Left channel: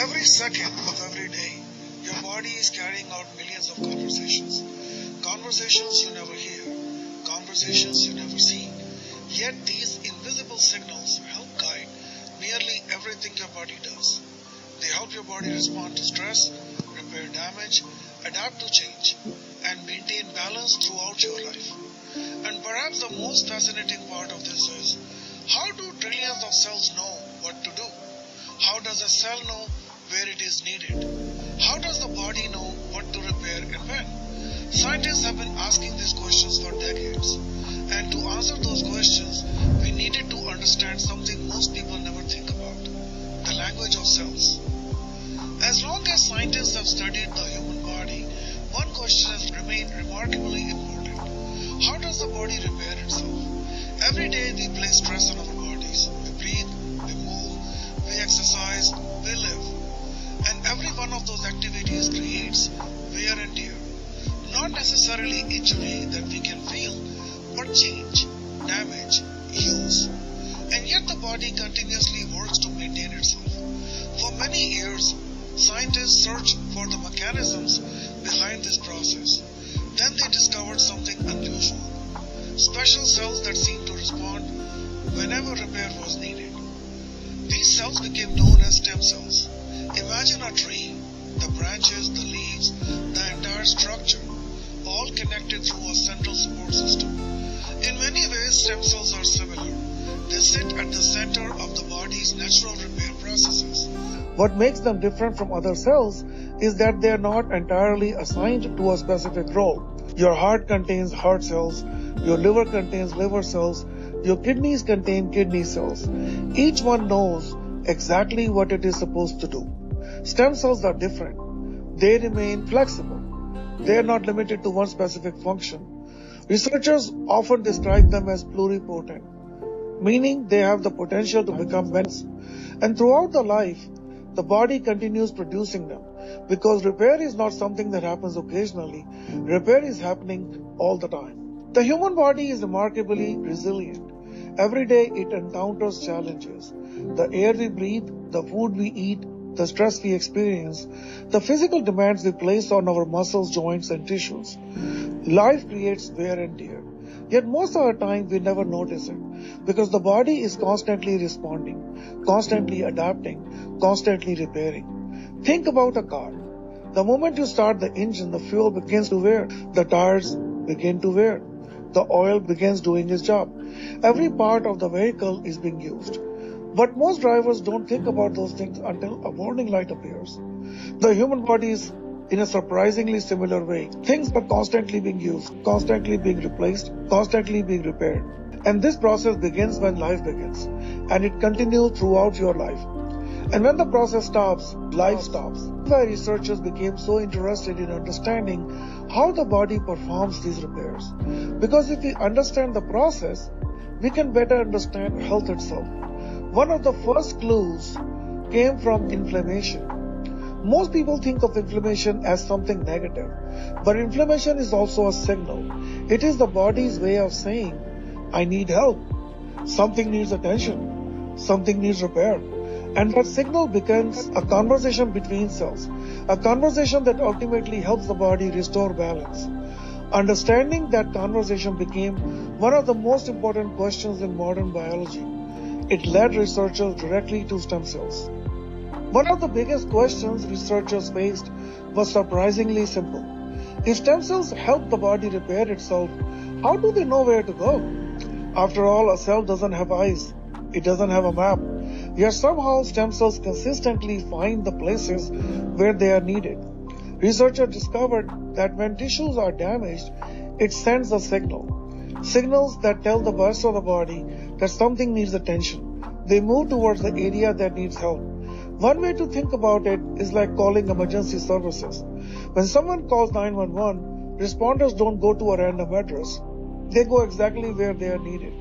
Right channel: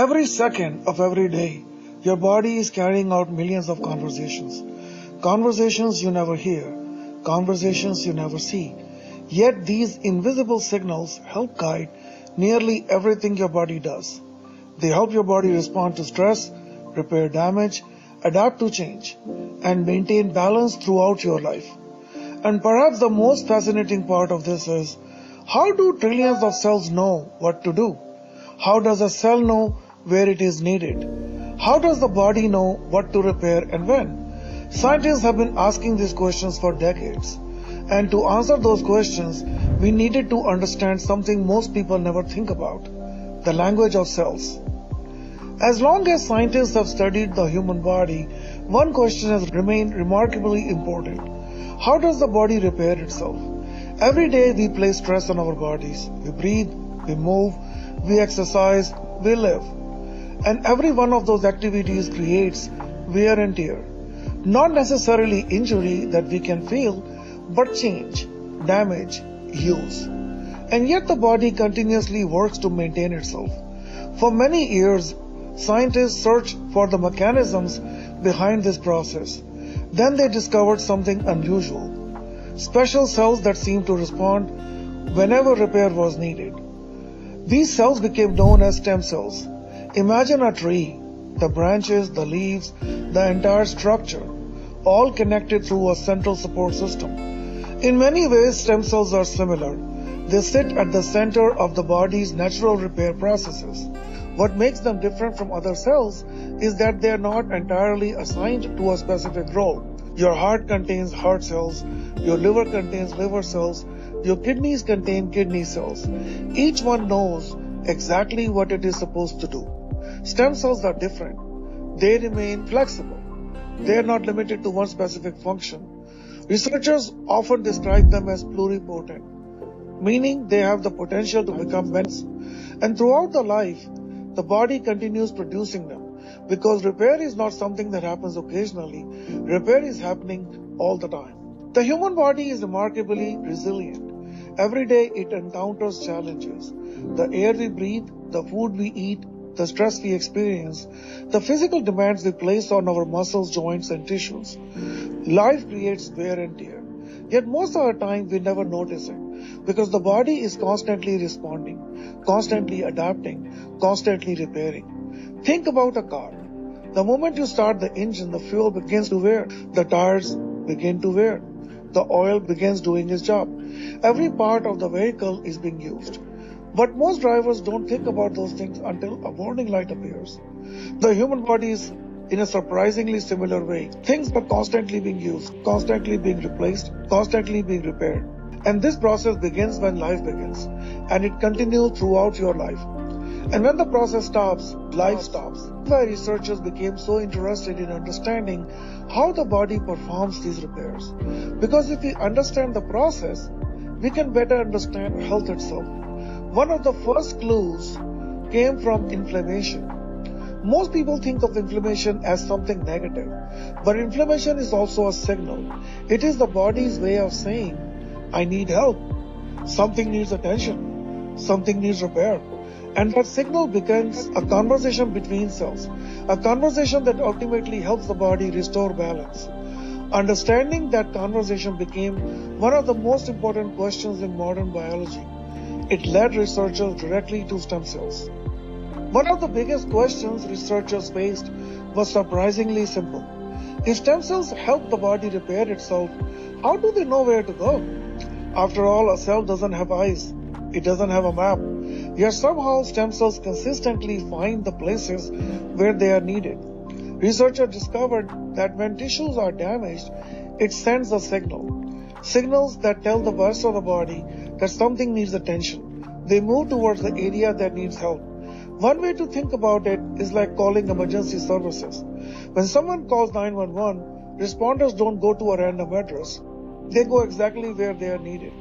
Every second of every day, your body is carrying out millions of conversations. Conversations you never hear, conversations you never see. Yet these invisible signals help guide nearly everything your body does. They help your body respond to stress, repair damage, adapt to change, and maintain balance throughout your life. And perhaps the most fascinating part of this is, how do trillions of cells know what to do? How does a cell know where it is needed? How does the body know what to repair and when? Scientists have been asking these questions for decades. And to answer those questions, we needed to understand something most people never think about: the language of cells. As long as scientists have studied the human body, one question has remained remarkably important. How does the body repair itself? Every day we place stress on our bodies. We breathe, we move, we exercise, we live. And every one of those activities creates wear and tear. Not necessarily injury that we can feel, but change, damage, use. And yet the body continuously works to maintain itself. For many years, scientists searched for the mechanisms behind this process. Then they discovered something unusual: special cells that seemed to respond whenever repair was needed. These cells became known as stem cells. Imagine a tree, the branches, the leaves, the entire structure, all connected through a central support system. In many ways, stem cells are similar. They sit at the center of the body's natural repair processes. What makes them different from other cells is that they are not entirely assigned to a specific role. Your heart contains heart cells, your liver contains liver cells, your kidneys contain kidney cells. Each one knows exactly what it is supposed to do. Stem cells are different. They remain flexible. They are not limited to one specific function. Researchers often describe them as pluripotent, meaning they have the potential to become medicine. And throughout the life, the body continues producing them, because repair is not something that happens occasionally. Repair is happening all the time. The human body is remarkably resilient. Every day it encounters challenges. The air we breathe, the food we eat, the stress we experience, the physical demands we place on our muscles, joints, and tissues. Life creates wear and tear. Yet most of the time we never notice it, because the body is constantly responding, constantly adapting, constantly repairing. Think about a car. The moment you start the engine, the fuel begins to wear, the tires begin to wear, the oil begins doing its job. Every part of the vehicle is being used. But most drivers don't think about those things until a warning light appears. The human body is in a surprisingly similar way. Things are constantly being used, constantly being replaced, constantly being repaired. And this process begins when life begins, and it continues throughout your life. And when the process stops, life stops. That's why researchers became so interested in understanding how the body performs these repairs. Because if we understand the process, we can better understand health itself. One of the first clues came from inflammation. Most people think of inflammation as something negative, but inflammation is also a signal. It is the body's way of saying, I need help. Something needs attention. Something needs repair. And that signal becomes a conversation between cells, a conversation that ultimately helps the body restore balance. Understanding that conversation became one of the most important questions in modern biology. It led researchers directly to stem cells. One of the biggest questions researchers faced was surprisingly simple. If stem cells help the body repair itself, how do they know where to go? After all, a cell doesn't have eyes. It doesn't have a map. Yet somehow stem cells consistently find the places where they are needed. Researchers discovered that when tissues are damaged, it sends a signal. Signals that tell the rest of the body that something needs attention. They move towards the area that needs help. One way to think about it is like calling emergency services. When someone calls 911, responders don't go to a random address. They go exactly where they are needed.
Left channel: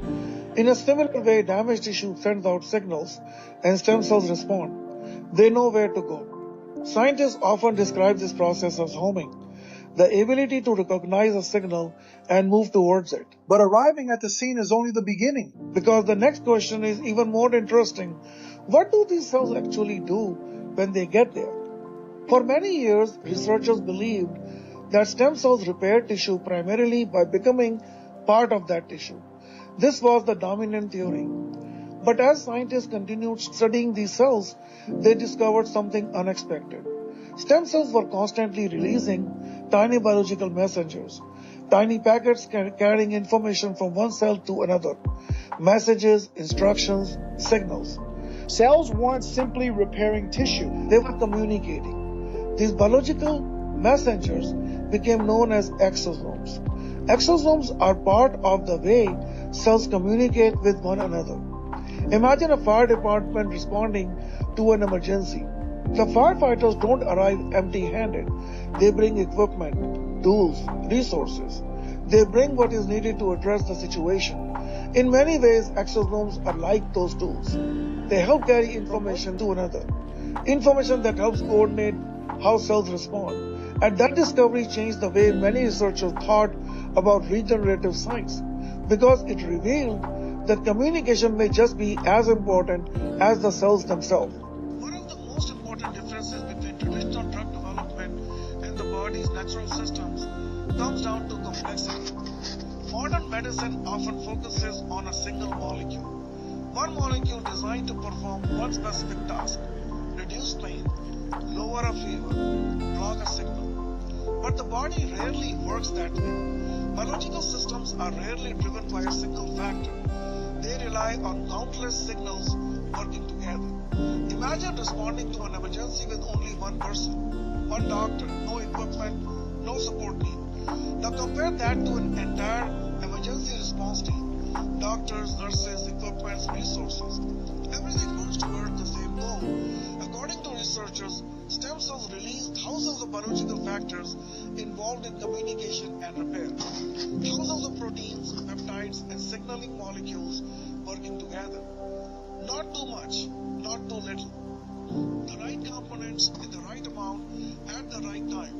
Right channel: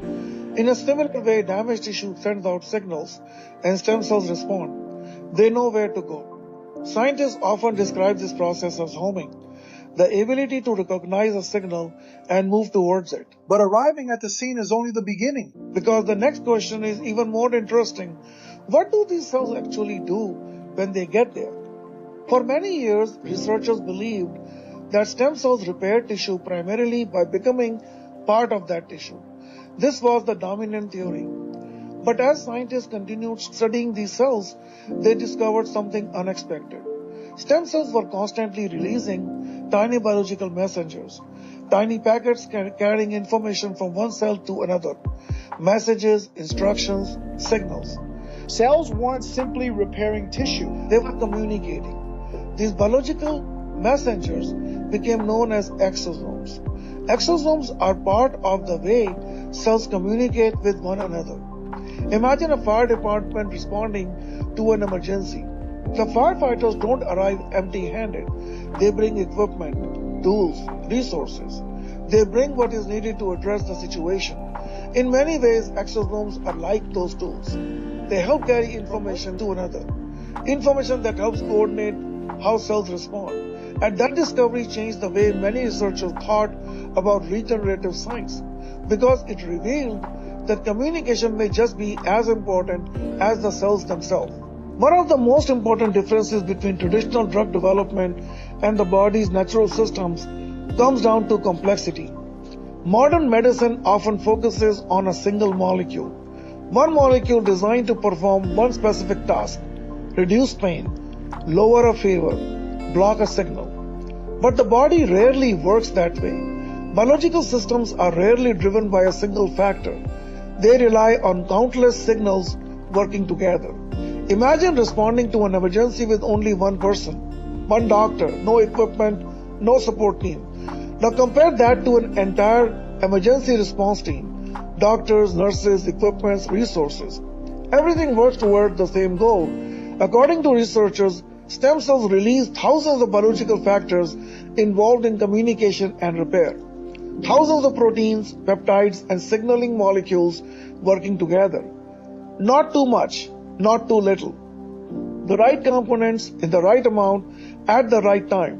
In a similar way, damaged tissue sends out signals and stem cells respond. They know where to go. Scientists often describe this process as homing, the ability to recognize a signal and move towards it. But arriving at the scene is only the beginning, because the next question is even more interesting. What do these cells actually do when they get there. For many years, researchers believed that stem cells repair tissue primarily by becoming part of that tissue. This was the dominant theory. But as scientists continued studying these cells, they discovered something unexpected. Stem cells were constantly releasing tiny biological messengers, tiny packets carrying information from one cell to another, messages, instructions, signals. Cells weren't simply repairing tissue. They were communicating. These biological messengers became known as exosomes. Exosomes are part of the way cells communicate with one another. Imagine a fire department responding to an emergency. The firefighters don't arrive empty-handed. They bring equipment, tools, resources. They bring what is needed to address the situation. In many ways, exosomes are like those tools. They help carry information to another. Information that helps coordinate how cells respond. And that discovery changed the way many researchers thought about regenerative science, because it revealed that communication may just be as important as the cells themselves. One of the most important differences between traditional drug development and the body's natural systems comes down to complexity. Modern medicine often focuses on a single molecule. One molecule designed to perform one specific task: reduce pain, lower a fever, block a signal. But the body rarely works that way. Biological systems are rarely driven by a single factor. They rely on countless signals working together. Imagine responding to an emergency with only one person, one doctor, no equipment, no support team. Now compare that to an entire emergency response team: doctors, nurses, equipment, resources. Everything works toward the same goal. According to researchers, stem cells release thousands of biological factors involved in communication and repair. Thousands of proteins, peptides, and signaling molecules working together. Not too much, not too little. The right components in the right amount at the right time.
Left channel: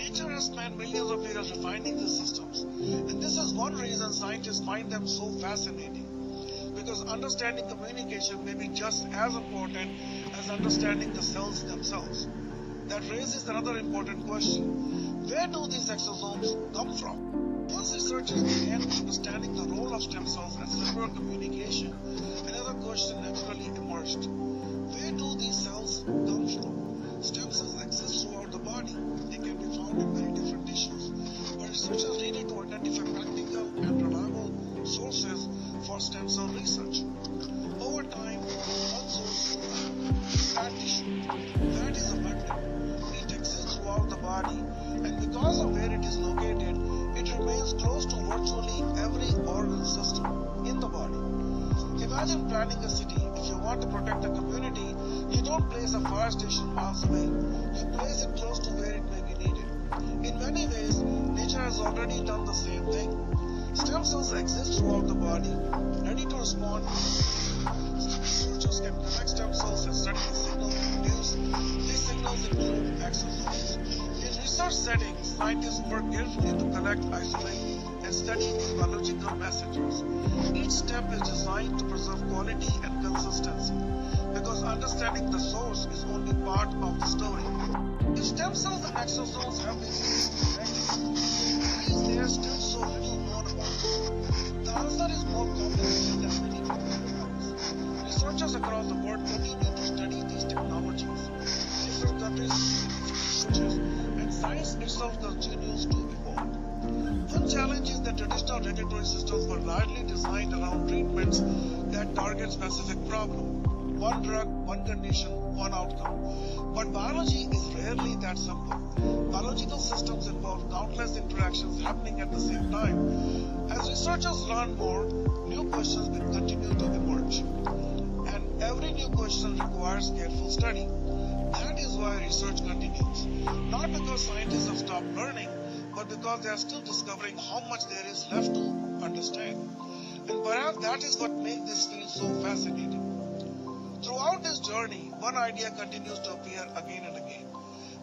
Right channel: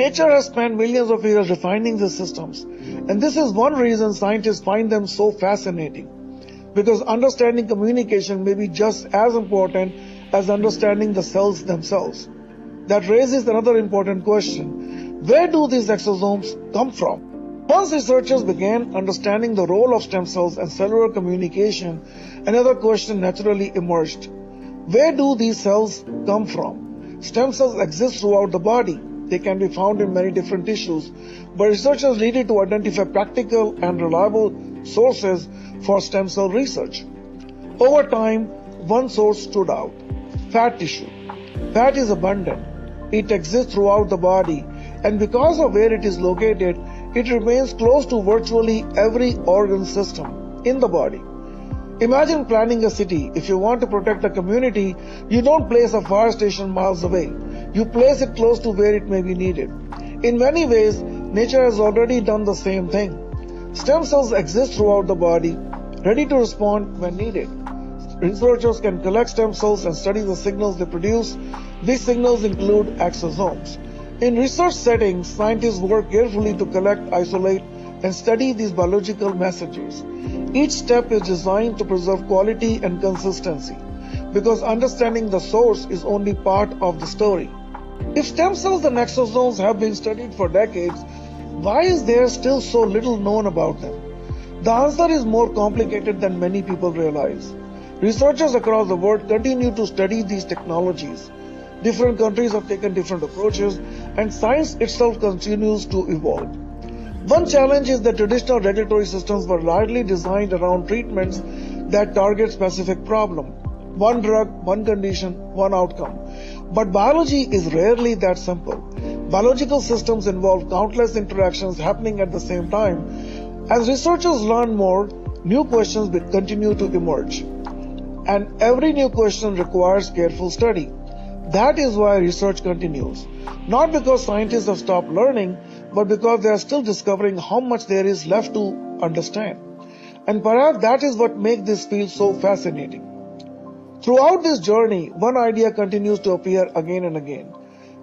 Nature has spent millions of years refining these systems, and this is one reason scientists find them so fascinating. Because understanding communication may be just as important as understanding the cells themselves. That raises another important question: where do these exosomes come from? Once researchers began understanding the role of stem cells and cellular communication, another question naturally emerged. Where do these cells come from? Stem cells exist throughout the body. They can be found in many different tissues, but researchers needed to identify practical and reliable sources for stem cell research. Over time, one source stood out: fat tissue. Fat is abundant. It exists throughout the body, and because of where it is located, it remains close to virtually every organ system in the body. Imagine planning a city. If you want to protect a community, you don't place a fire station miles away. You place it close to where it may be needed. In many ways, nature has already done the same thing. Stem cells exist throughout the body, ready to respond when needed. Researchers can collect stem cells and study the signals they produce. These signals include exosomes. In research settings, scientists work carefully to collect, isolate, and study these biological messages. Each step is designed to preserve quality and consistency, because understanding the source is only part of the story. If stem cells and exosomes have been studied for decades, why is there still so little known about them? The answer is more complicated than many people realize. Researchers across the world continue to study these technologies. Different countries have taken different approaches, and science itself continues to evolve. One challenge is that traditional regulatory systems were largely designed around treatments that target specific problem. One drug, one condition, one outcome. But biology is rarely that simple. Biological systems involve countless interactions happening at the same time. As researchers learn more, new questions will continue to emerge. And every new question requires careful study. That is why research continues. Not because scientists have stopped learning, but because they are still discovering how much there is left to understand. And perhaps that is what makes this field so fascinating. Throughout this journey, one idea continues to appear again and again.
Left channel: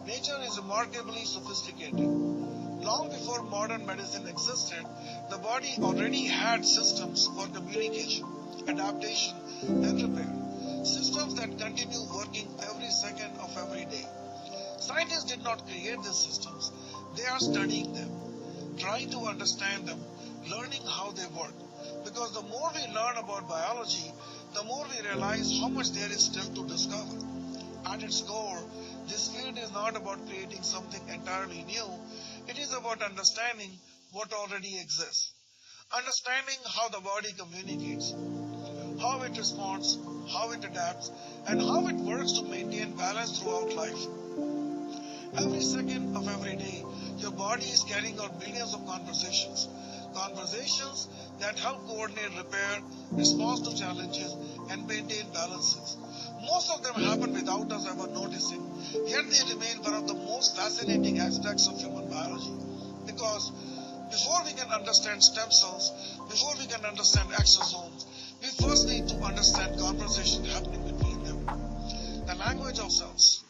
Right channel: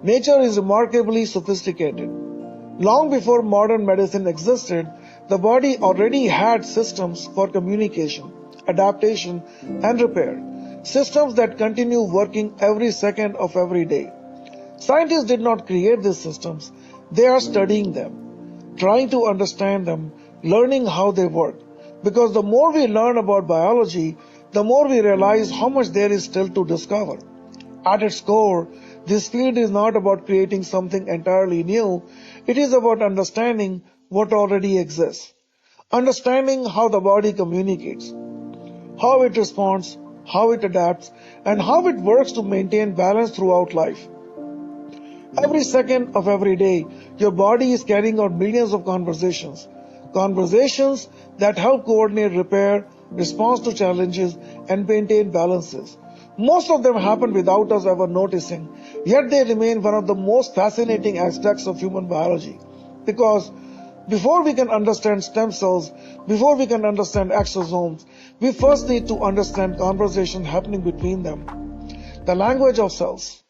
Nature is remarkably sophisticated. Long before modern medicine existed, the body already had systems for communication, adaptation, and repair. systems that continue working every second of every day. Scientists did not create these systems, they are studying them, trying to understand them, learning how they work. Because the more we learn about biology, the more we realize how much there is still to discover. At its core, this field is not about creating something entirely new, it is about understanding what already exists. Understanding how the body communicates, how it responds, how it adapts, and how it works to maintain balance throughout life. Every second of every day, your body is carrying out millions of conversations. Conversations that help coordinate repair, response to challenges, and maintain balances. Most of them happen without us ever noticing, yet they remain one of the most fascinating aspects of human biology. Because before we can understand stem cells, before we can understand exosomes, we first need to understand conversation happening between them. The language of cells.